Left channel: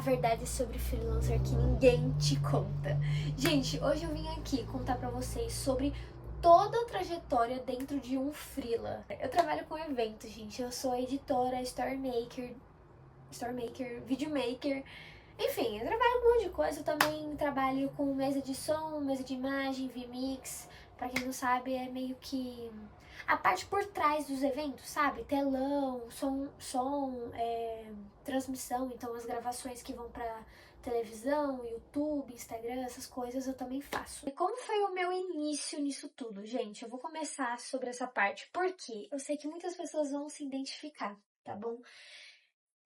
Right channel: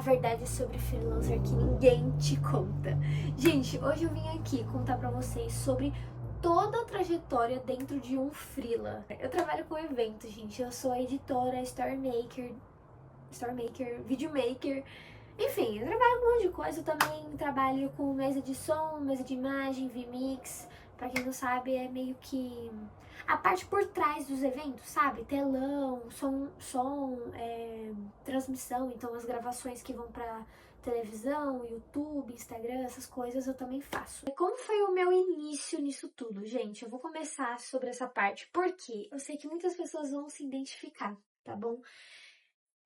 a verdade sobre freelancer que ninguém te conta. Gente, hoje eu vim aqui contar pra vocês sobre toda a trajetória dentro de um freela. Eu trabalho com eventos, gente. Eu sou editora, storymaker, videomaker. Enfim, eu trabalho com um monte de coisa. Eu também trabalho com mesa de som, mesa de imagem, VMix. Pra quem não sabe, é meio que a parte por trás dos eventos, sabe? Telão, transmissão, então as gravações que vão pra televisão, YouTube, Instagram, essas coisas eu também faço. E como foi o meu início nisso tudo, gente? Eu vou começar sobre essa parte, porque eu sei que muitas pessoas vão se identificar, tá bom?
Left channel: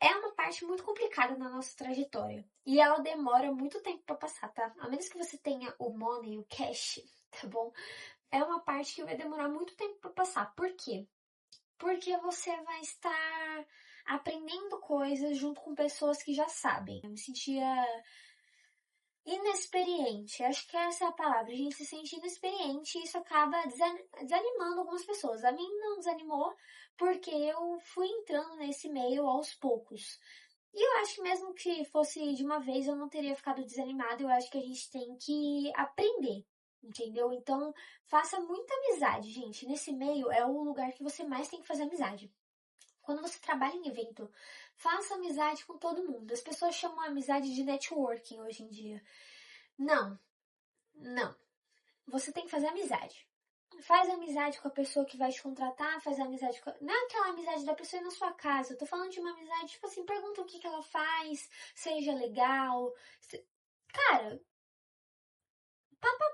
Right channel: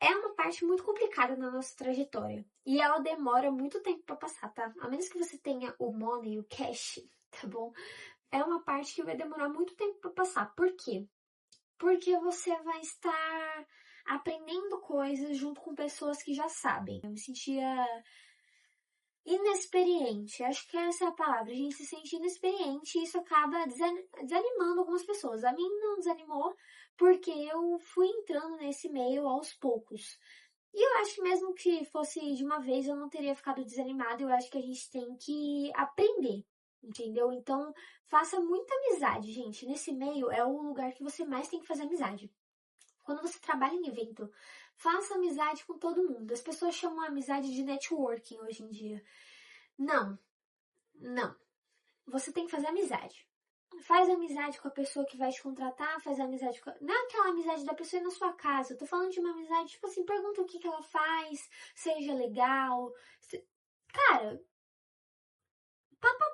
É uma parte muito complicada na nossa trajetória e ela demora muito tempo pra passar, tá? A menos que você tenha o money, o cash, tá bom? É uma parte que vai demorar muito tempo pra passar. Por quê? Porque você vai estar aprendendo coisas junto com pessoas que já sabem. Eu me sentia inexperiente, acho que essa é a palavra. A gente se sente inexperiente e isso acaba desanimando algumas pessoas. A mim não desanimou porque eu fui entrando nesse meio aos poucos. E eu acho que mesmo que fosse de uma vez eu não teria ficado desanimada. Eu acho que a gente tem que aprender, entendeu? Então faça muita amizade, gente. Nesse meio é o lugar que você mais tem que fazer amizade. Quando você trabalha em evento, faça amizade com todo mundo. As pessoas chamam a amizade de networking hoje em dia. Não, não. Você tem que fazer amizade. Faz amizade com a pessoa que vai te contratar, faz amizade com... Não é aquela amizade da pessoa ir na sua casa. Eu tô falando de uma amizade, tipo assim, pergunta o que que ela faz, seja legal. Cara,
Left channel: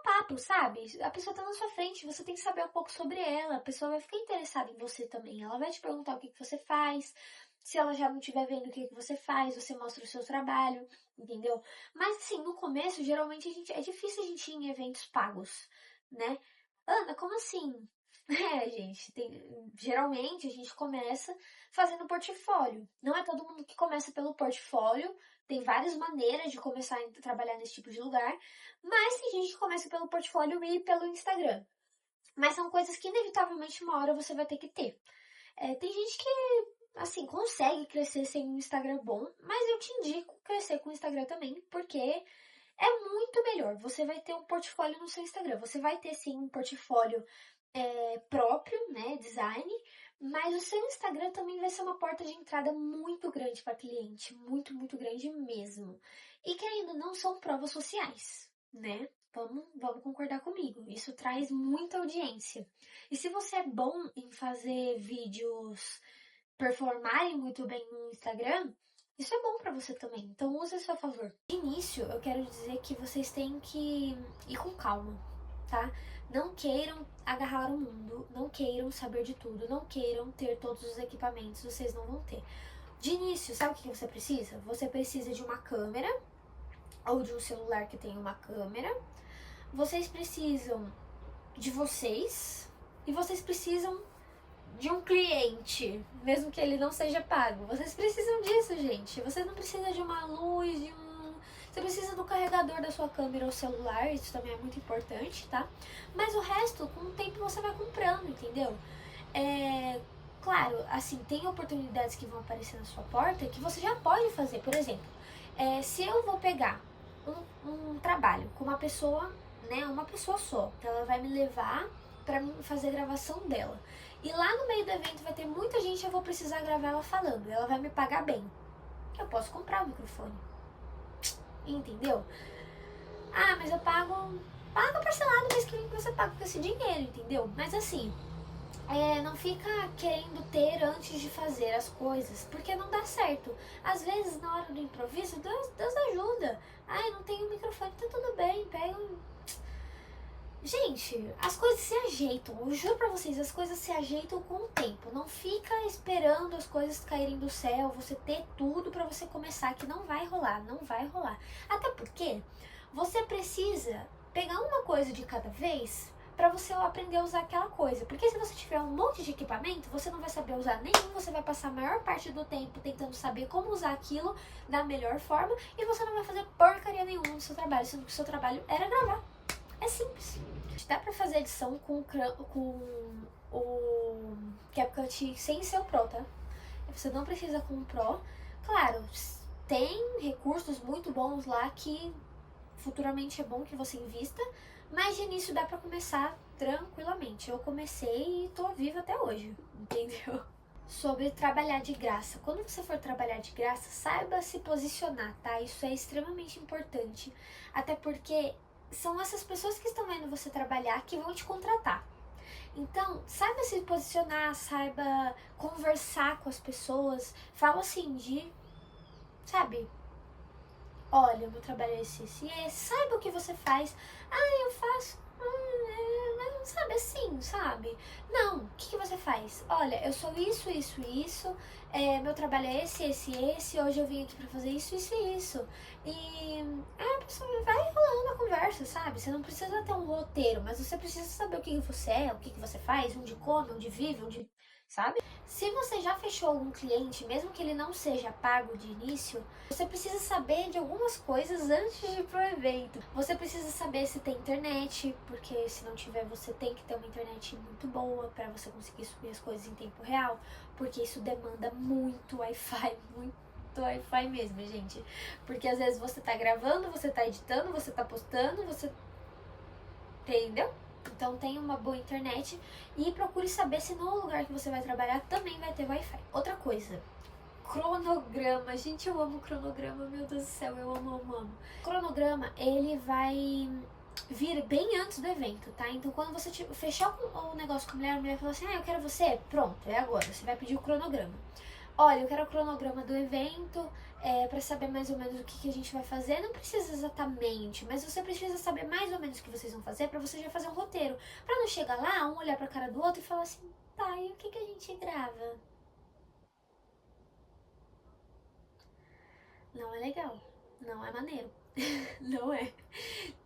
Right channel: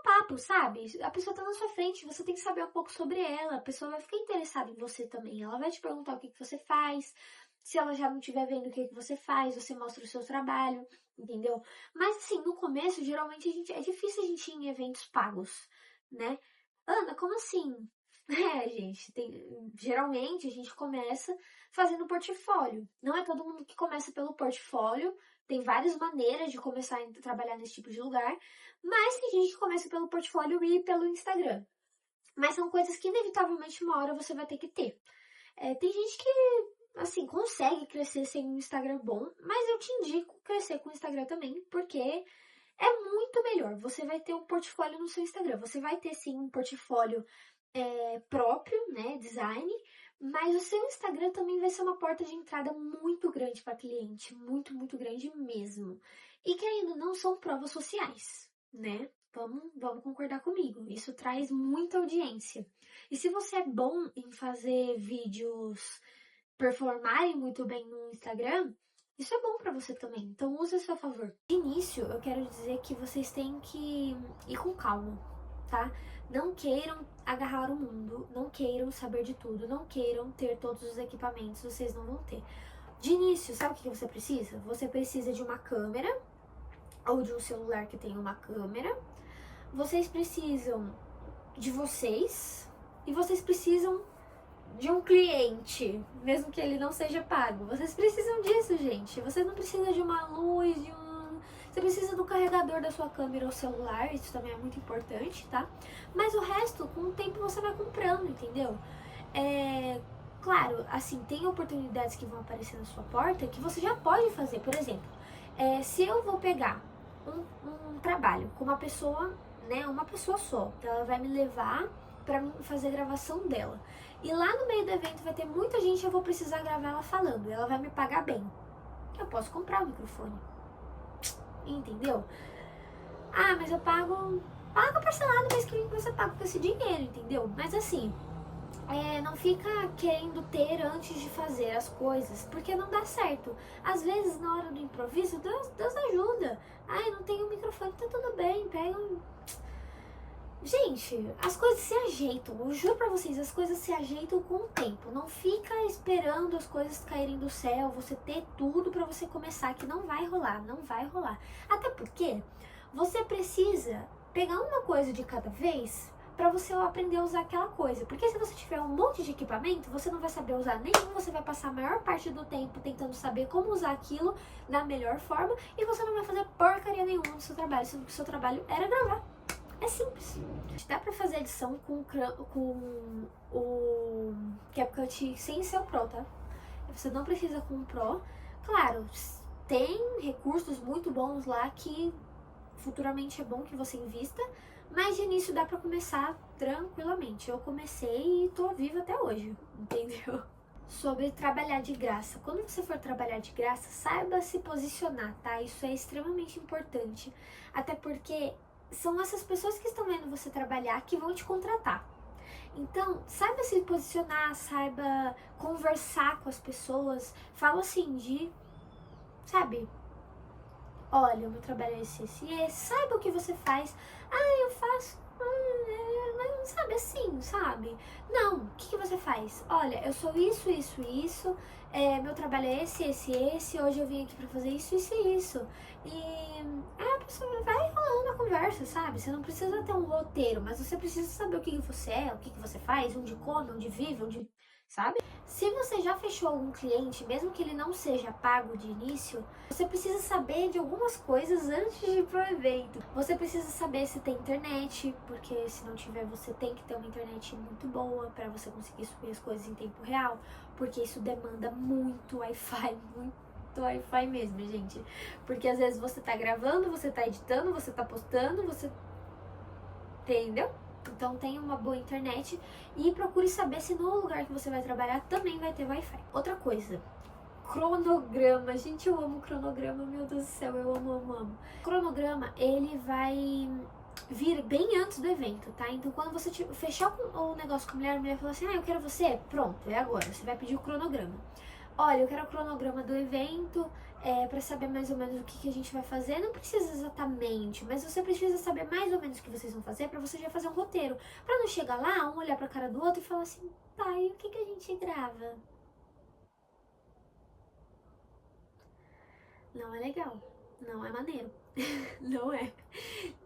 papo, sabe? A pessoa tá na sua frente, você tem que saber um pouco sobre ela. A pessoa vai ficar interessada em você também. Ela vai te perguntar o que que você faz. Se ela já não estiver vendo o que que você faz, você mostra o seu trabalho, entendeu? Mas assim, no começo, geralmente é difícil a gente ir em eventos pagos, né? Ana, como assim? É, gente, geralmente a gente começa fazendo portfólio. Não é todo mundo que começa pelo portfólio, tem várias maneiras de começar a trabalhar nesse tipo de lugar, mas tem gente que começa pelo portfólio e pelo Instagram. Mas são coisas que inevitavelmente uma hora você vai ter que ter. Tem gente que, assim, consegue crescer sem um Instagram bom, mas eu te indico crescer com o Instagram também, porque é muito melhor. Você vai ter um portfólio no seu Instagram. Você vai ter sim um portfólio próprio, né, design, mas o seu Instagram também vai ser uma porta de entrada muito grande para cliente, muito grande mesmo. E que ainda não são provas sociais, né? Vamos concordar comigo. Isso traz muita audiência. E se você é bom em fazer vídeos performarem muito bem no Instagram, isso é bom para você também. Então use a seu favor. De início, eu quero dizer que vocês têm que ir com calma, tá? Não queiram agarrar o mundo, não queiram saber de tudo, não queiram ter todos os equipamentos, vocês não vão ter. De início, sabe o que você precisa? Você precisa de uma câmera ou de um celular que tenha uma câmera. Vocês precisam de vocês e vocês precisam de um cliente, mesmo que ele não seja pago. Vocês precisam disso, gente. Você não precisa de uma luz, Você precisa do carregador da sua câmera ou celular, isso também é muito importante, tá? Mas o resto, com o tempo, você vai comprando, entendeu? Claro, assim, tem oportunidades que vão aparecer na sua porta que você já pode fazer. Por exemplo, se eu vou pegar um trabalho com uma pessoa, né, uma pessoa só, ela vai me levar pra mim fazer a gravação dela. E lá no meio do evento vai ter muita gente, eu vou precisar gravar ela falando. Ela vai me pagar bem. Eu posso comprar o microfone. Entendeu? Ah, mas eu pago parcelado, mês que vem você paga com esse dinheiro, entendeu? Mas assim, não fica querendo ter antes de fazer as coisas, porque não dá certo. Às vezes, na hora do improviso, Deus ajuda. Ai, não tenho microfone, tá tudo bem, pega um... Gente, as coisas se ajeitam, eu juro pra vocês, as coisas se ajeitam com o tempo. Não fica esperando as coisas caírem do céu, você ter tudo pra você começar, que não vai rolar, não vai rolar. Até porque você precisa pegar uma coisa de cada vez pra você aprender a usar aquela coisa. Porque se você tiver um monte de equipamento, você não vai saber usar nenhum, você vai passar a maior parte do tempo tentando saber como usar aquilo da melhor forma e você não vai fazer porcaria nenhuma no seu trabalho, sendo que o seu trabalho era gravar. É simples. Dá pra fazer edição com o CapCut sem ser o Pro, tá? Você não precisa com o Pro. Claro, tem recursos muito bons lá que futuramente é bom que você invista, mas de início dá pra começar tranquilamente. Eu comecei e tô viva até hoje, entendeu? Sobre trabalhar de graça. Quando você for trabalhar de graça, saiba se posicionar, tá? Isso é extremamente importante, até porque são essas pessoas que estão vendo você trabalhar que vão te contratar. Então, saiba se posicionar, saiba conversar com as pessoas, fala assim sabe, olha, o meu trabalho é esse e esse, saiba o que você faz. Ah, eu faço, mas sabe assim, sabe? Não, o que você faz? Olha, eu sou isso, meu trabalho é esse, hoje eu vim aqui pra fazer isso e isso. E a pessoa vai rolando a conversa, sabe? Você não precisa ter um roteiro, mas você precisa saber o que você é, o que você faz, onde come, onde vive, sabe? Se você já fechou algum cliente, mesmo que ele não seja pago de início, você precisa saber de algumas coisas antes de ir pro evento. Você precisa saber se tem internet, porque se não tiver, você tem que ter uma internet muito boa para você conseguir subir as coisas em tempo real, porque isso demanda muito Wi-Fi, muito Wi-Fi mesmo, gente. Porque às vezes você tá gravando, você tá editando, você tá postando, você... Entendeu? Então tenha uma boa internet e procure saber se no lugar que você vai trabalhar também vai ter Wi-Fi. Outra coisa, cronograma. Gente, eu amo cronograma, meu Deus do céu, eu amo. Cronograma, ele vai vir bem antes do evento, tá? Então quando você fechar o negócio com a mulher fala assim, eu quero você, pronto, é agora, você vai pedir o cronograma. Olha, eu quero o cronograma do evento, para saber mais ou menos o que a gente vai fazer. Não precisa exatamente, mas você precisa saber mais ou menos o que vocês vão fazer para você já fazer um roteiro. Para não chegar lá, um olhar pra cara do outro e falar assim, tá, e o que a gente grava? Não é legal, não é maneiro, não é.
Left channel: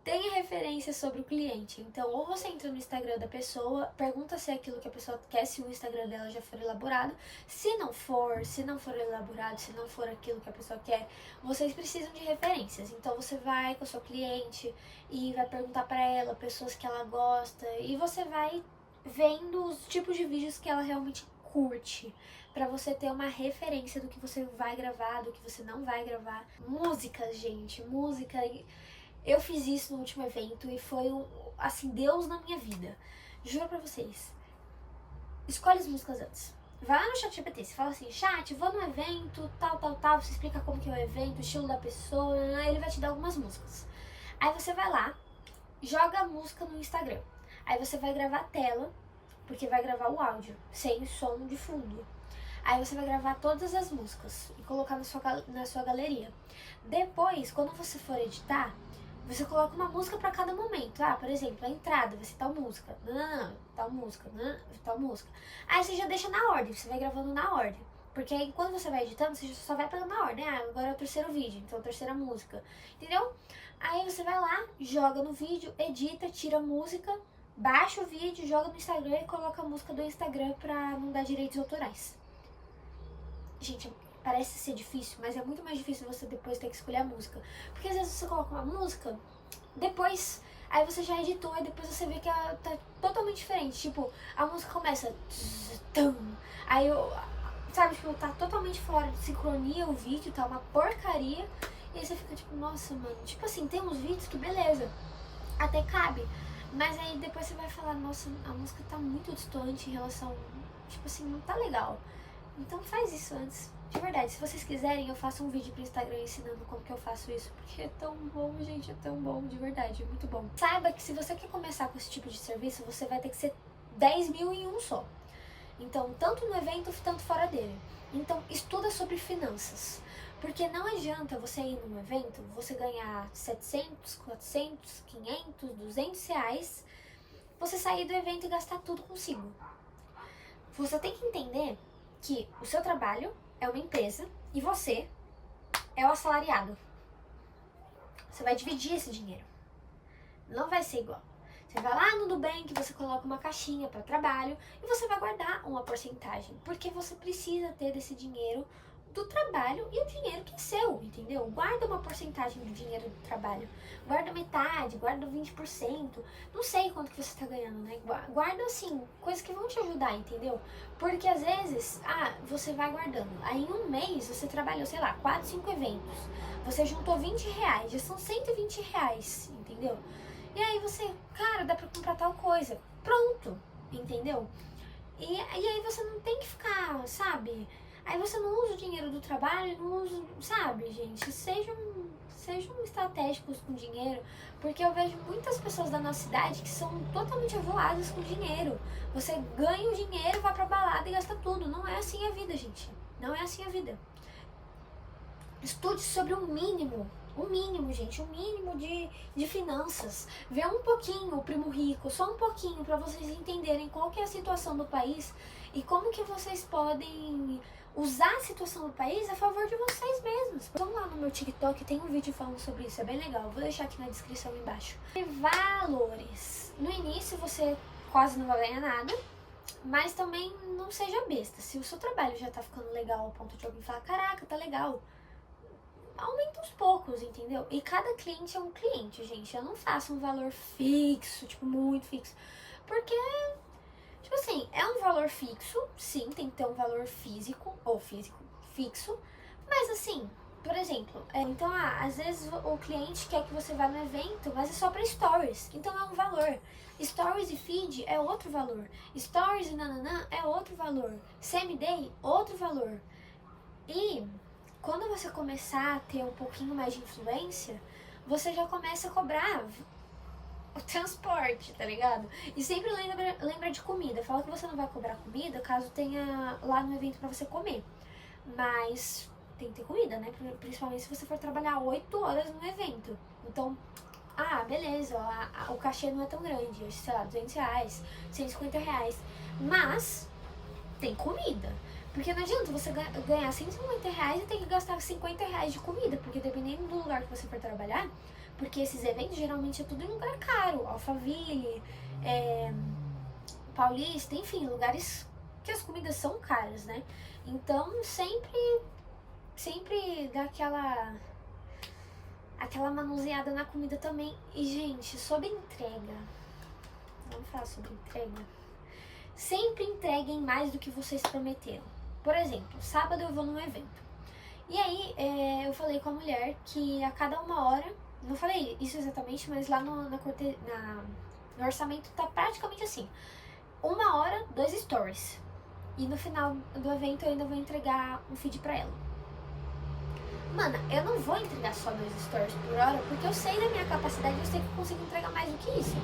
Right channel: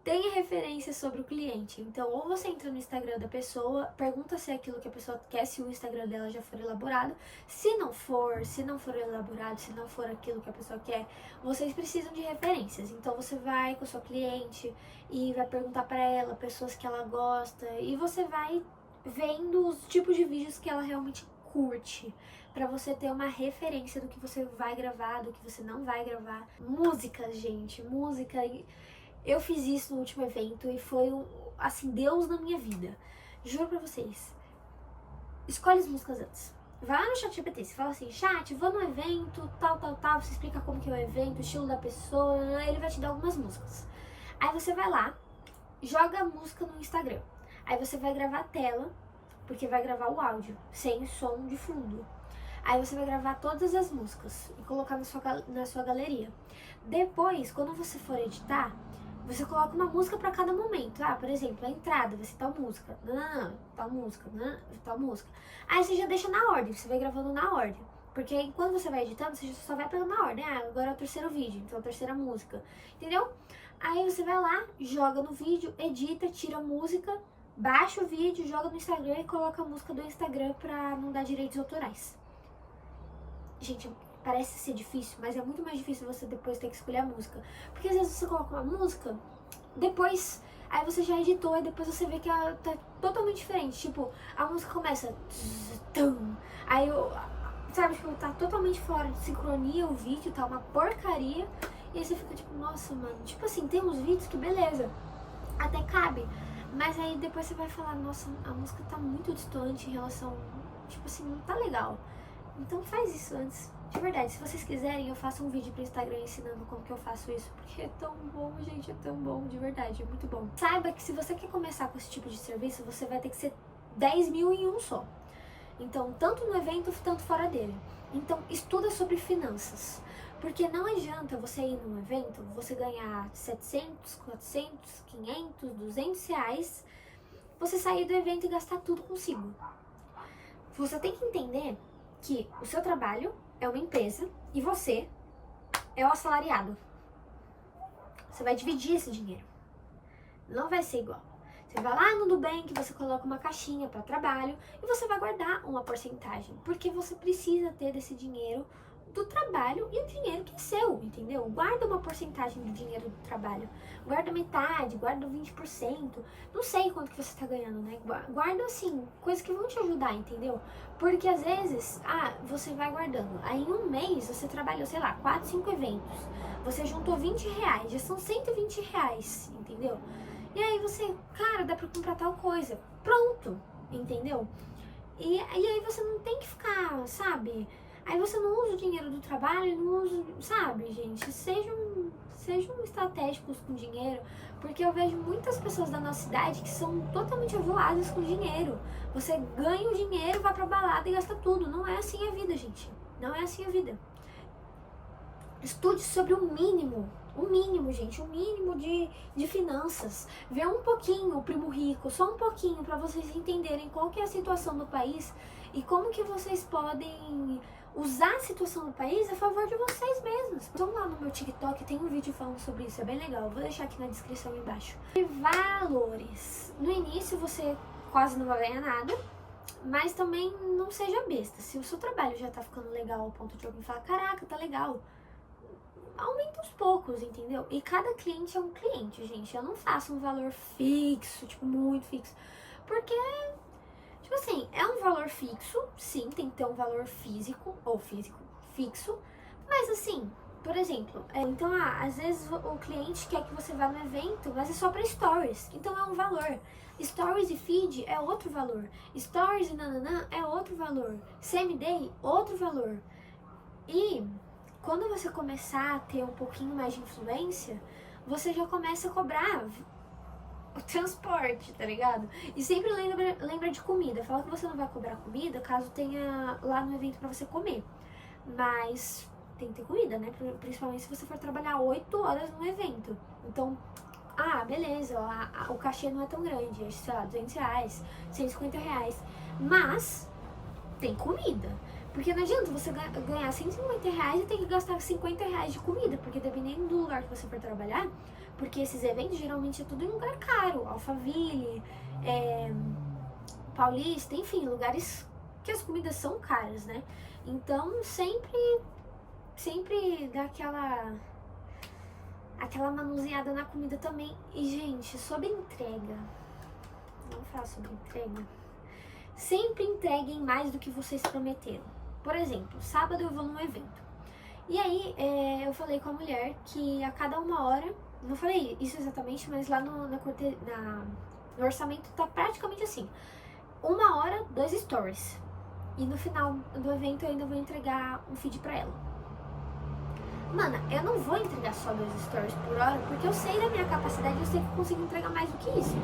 Tenha referência sobre o cliente. Então, ou você entra no Instagram da pessoa, pergunta se é aquilo que a pessoa quer, se o Instagram dela já for elaborado. Se não for elaborado, se não for aquilo que a pessoa quer, vocês precisam de referências. Então, você vai com o seu cliente e vai perguntar para ela pessoas que ela gosta e você vai vendo os tipos de vídeos que ela realmente curte, para você ter uma referência do que você vai gravar, do que você não vai gravar. Música, gente, música. Eu fiz isso no último evento e foi, assim, Deus na minha vida. Juro pra vocês. Escolhe as músicas antes. Vai lá no ChatGPT, você fala assim, chat, vou no evento, tal, você explica como que é o evento, o estilo da pessoa, ele vai te dar algumas músicas. Aí você vai lá, joga a música no Instagram. Aí você vai gravar a tela, porque vai gravar o áudio, sem som de fundo. Aí você vai gravar todas as músicas e colocar na sua galeria. Depois, quando você for editar, você coloca uma música para cada momento. Ah, por exemplo, a entrada vai ser tal música, tal música, tal música. Aí você já deixa na ordem, você vai gravando na ordem. Porque aí quando você vai editando, você só vai pegando na ordem. Ah, agora é o terceiro vídeo, então a terceira música. Entendeu? Aí você vai lá, joga no vídeo, edita, tira a música, baixa o vídeo, joga no Instagram e coloca a música do Instagram pra não dar direitos autorais. Gente, parece ser difícil, mas é muito mais difícil você depois ter que escolher a música. Porque às vezes você coloca uma música, depois, aí você já editou e depois você vê que ela tá totalmente diferente. Tipo, a música começa... Aí, sabe, tipo, tá totalmente fora de sincronia o vídeo, tá uma porcaria. E aí você fica tipo, nossa, mano. Tipo assim, tem uns vídeos que beleza, até cabe. Mas aí depois você vai falar, nossa, a música tá muito distante em relação... Tipo assim, não tá legal. Então faz isso antes. De verdade, se vocês quiserem, eu faço um vídeo pro Instagram ensinando como que eu faço isso. Porque é tão bom, gente, é tão bom, de verdade, é muito bom. Saiba que se você quer começar com esse tipo de serviço, você vai ter que ser 10 mil em um só. Então, tanto no evento, tanto fora dele. Então, estuda sobre finanças. Porque não adianta você ir num evento, você ganhar 700, 400, 500, 200 reais, você sair do evento e gastar tudo consigo. Você tem que entender que o seu trabalho é uma empresa e você é o assalariado. Você vai dividir esse dinheiro. Não vai ser igual. Você vai lá no Nubank, você coloca uma caixinha para trabalho e você vai guardar uma porcentagem, porque você precisa ter desse dinheiro do trabalho e o dinheiro que é seu, entendeu? Guarda uma porcentagem do dinheiro do trabalho. Guarda metade, guarda 20%. Não sei quanto que você tá ganhando, né? Guarda, assim, coisas que vão te ajudar, entendeu? Porque às vezes, você vai guardando. Aí em um mês você trabalhou, sei lá, 4, 5 eventos. Você juntou R$20, já são R$120, entendeu? E aí você, cara, dá pra comprar tal coisa. Pronto, entendeu? E aí você não tem que ficar, sabe? Aí você não usa o dinheiro do trabalho, não usa, sabe, gente? Sejam estratégicos com dinheiro, porque eu vejo muitas pessoas da nossa cidade que são totalmente avoadas com dinheiro. Você ganha o dinheiro, vai pra balada e gasta tudo. Não é assim a vida, gente. Não é assim a vida. Estude sobre o mínimo, gente, o mínimo de finanças. Vê um pouquinho o Primo Rico, só um pouquinho, para vocês entenderem qual que é a situação do país e como que vocês podem usar a situação do país a favor de vocês mesmos. Vão lá no meu TikTok, tem um vídeo falando sobre isso, é bem legal. Vou deixar aqui na descrição embaixo. E valores. No início você quase não vai ganhar nada, mas também não seja besta. Se o seu trabalho já tá ficando legal ao ponto de alguém falar, caraca, tá legal, aumenta aos poucos, entendeu? E cada cliente é um cliente, gente. Eu não faço um valor fixo, tipo, muito fixo. Porque, tipo assim, é um valor fixo, sim, tem que ter um valor físico, ou físico, fixo. Mas assim, por exemplo, então, às vezes o cliente quer que você vá no evento, mas é só pra stories. Então é um valor. Stories e feed é outro valor. Stories e nananã é outro valor. Semi-day, outro valor. E quando você começar a ter um pouquinho mais de influência, você já começa a cobrar o transporte, tá ligado? E sempre lembra de comida. Fala que você não vai cobrar comida caso tenha lá no evento pra você comer. Mas tem que ter comida, né? Principalmente se você for trabalhar 8 horas no evento. Então, beleza, o cachê não é tão grande, sei lá, R$200, R$150. Mas tem comida. Porque não adianta você ganhar R$150 e ter que gastar R$50 de comida, porque dependendo do lugar que você for trabalhar, porque esses eventos geralmente é tudo em lugar caro, Alphaville, Paulista, enfim, lugares que as comidas são caras, né? Então sempre dá aquela manuseada na comida também. E gente, sobre entrega, vamos falar sobre entrega. Sempre entreguem mais do que vocês prometeram. Por exemplo, sábado eu vou num evento. E aí eu falei com a mulher que a cada 1 hora, não falei isso exatamente, mas lá no orçamento tá praticamente assim. 1 hora, 2 stories. E no final do evento eu ainda vou entregar um feed pra ela. Mana, eu não vou entregar só 2 stories por hora, porque eu sei da minha capacidade, eu sei que eu consigo entregar mais do que isso.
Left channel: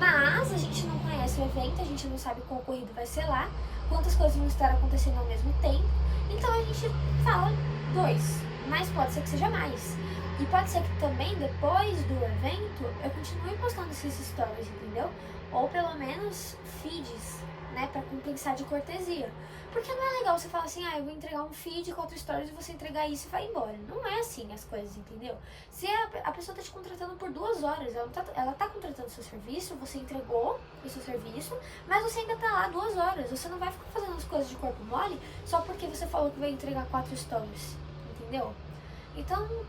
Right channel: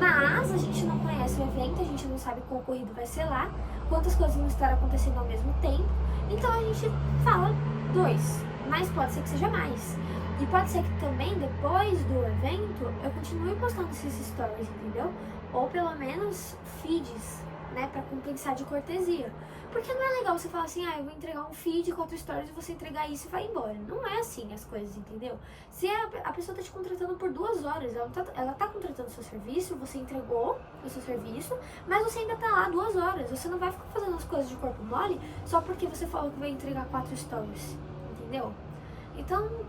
Mas a gente não conhece o evento, a gente não sabe qual ocorrido vai ser lá, quantas coisas vão estar acontecendo ao mesmo tempo. Então a gente fala 2, mas pode ser que seja mais. E pode ser que também, depois do evento, eu continue postando esses stories, entendeu? Ou pelo menos feeds, né, pra compensar de cortesia. Porque não é legal você falar assim, eu vou entregar um feed, 4 stories, e você entregar isso e vai embora. Não é assim as coisas, entendeu? Se a pessoa tá te contratando por 2 horas, ela tá contratando o seu serviço, você entregou o seu serviço, mas você ainda tá lá 2 horas. Você não vai ficar fazendo as coisas de corpo mole só porque você falou que vai entregar 4 stories, entendeu? Então,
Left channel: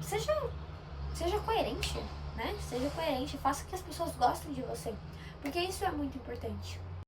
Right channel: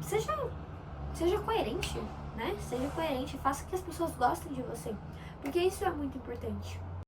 seja coerente, né? Seja coerente, faça que as pessoas gostem de você. Porque isso é muito importante.